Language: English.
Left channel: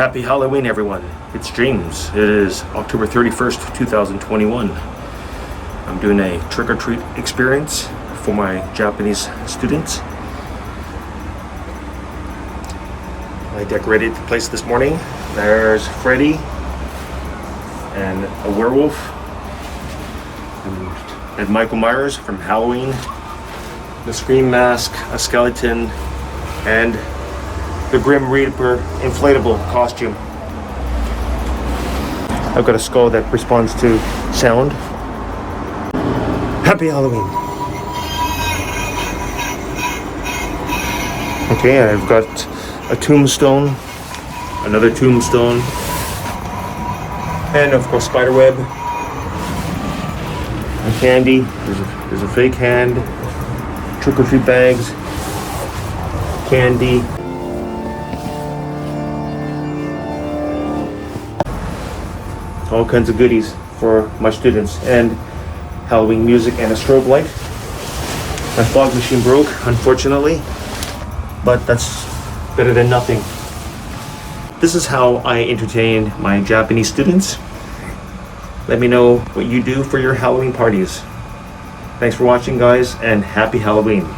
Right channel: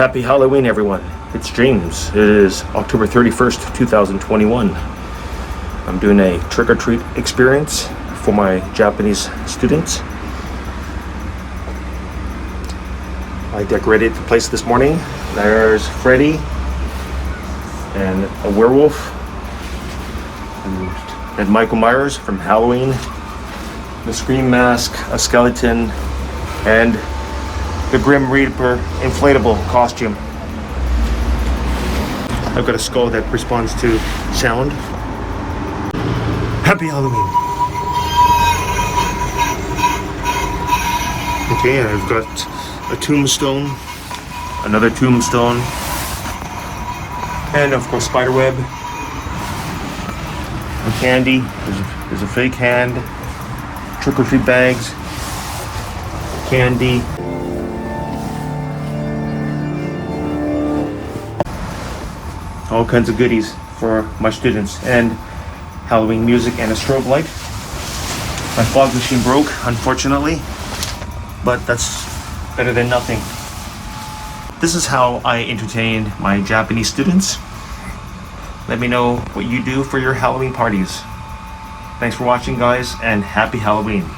Happy Halloween, everyone. It's James. It is October 31st, 2021. I'm doing a trick-or-treat experience for my Japanese students. I decorated the place this morning. There's Freddy and a werewolf and Michael Myers from Halloween, the Scream mask, a skeleton, and the Grim Reaper inflatable costume. I've got a skull that responds to sound. Happy Halloween. Okay, and I've got a tombstone, another tombstone, and of course spiderweb, a candy, there's a fake hand, trick-or-treat bags, candy, all kinds of goodies for my students, and Halloween music and a strobe light. My fog machine broke, unfortunately, but that's better than nothing. This is how I entertain my Japanese students. Let me know what you do for your Halloween parties. Thanks for watching, guys, and happy Halloween.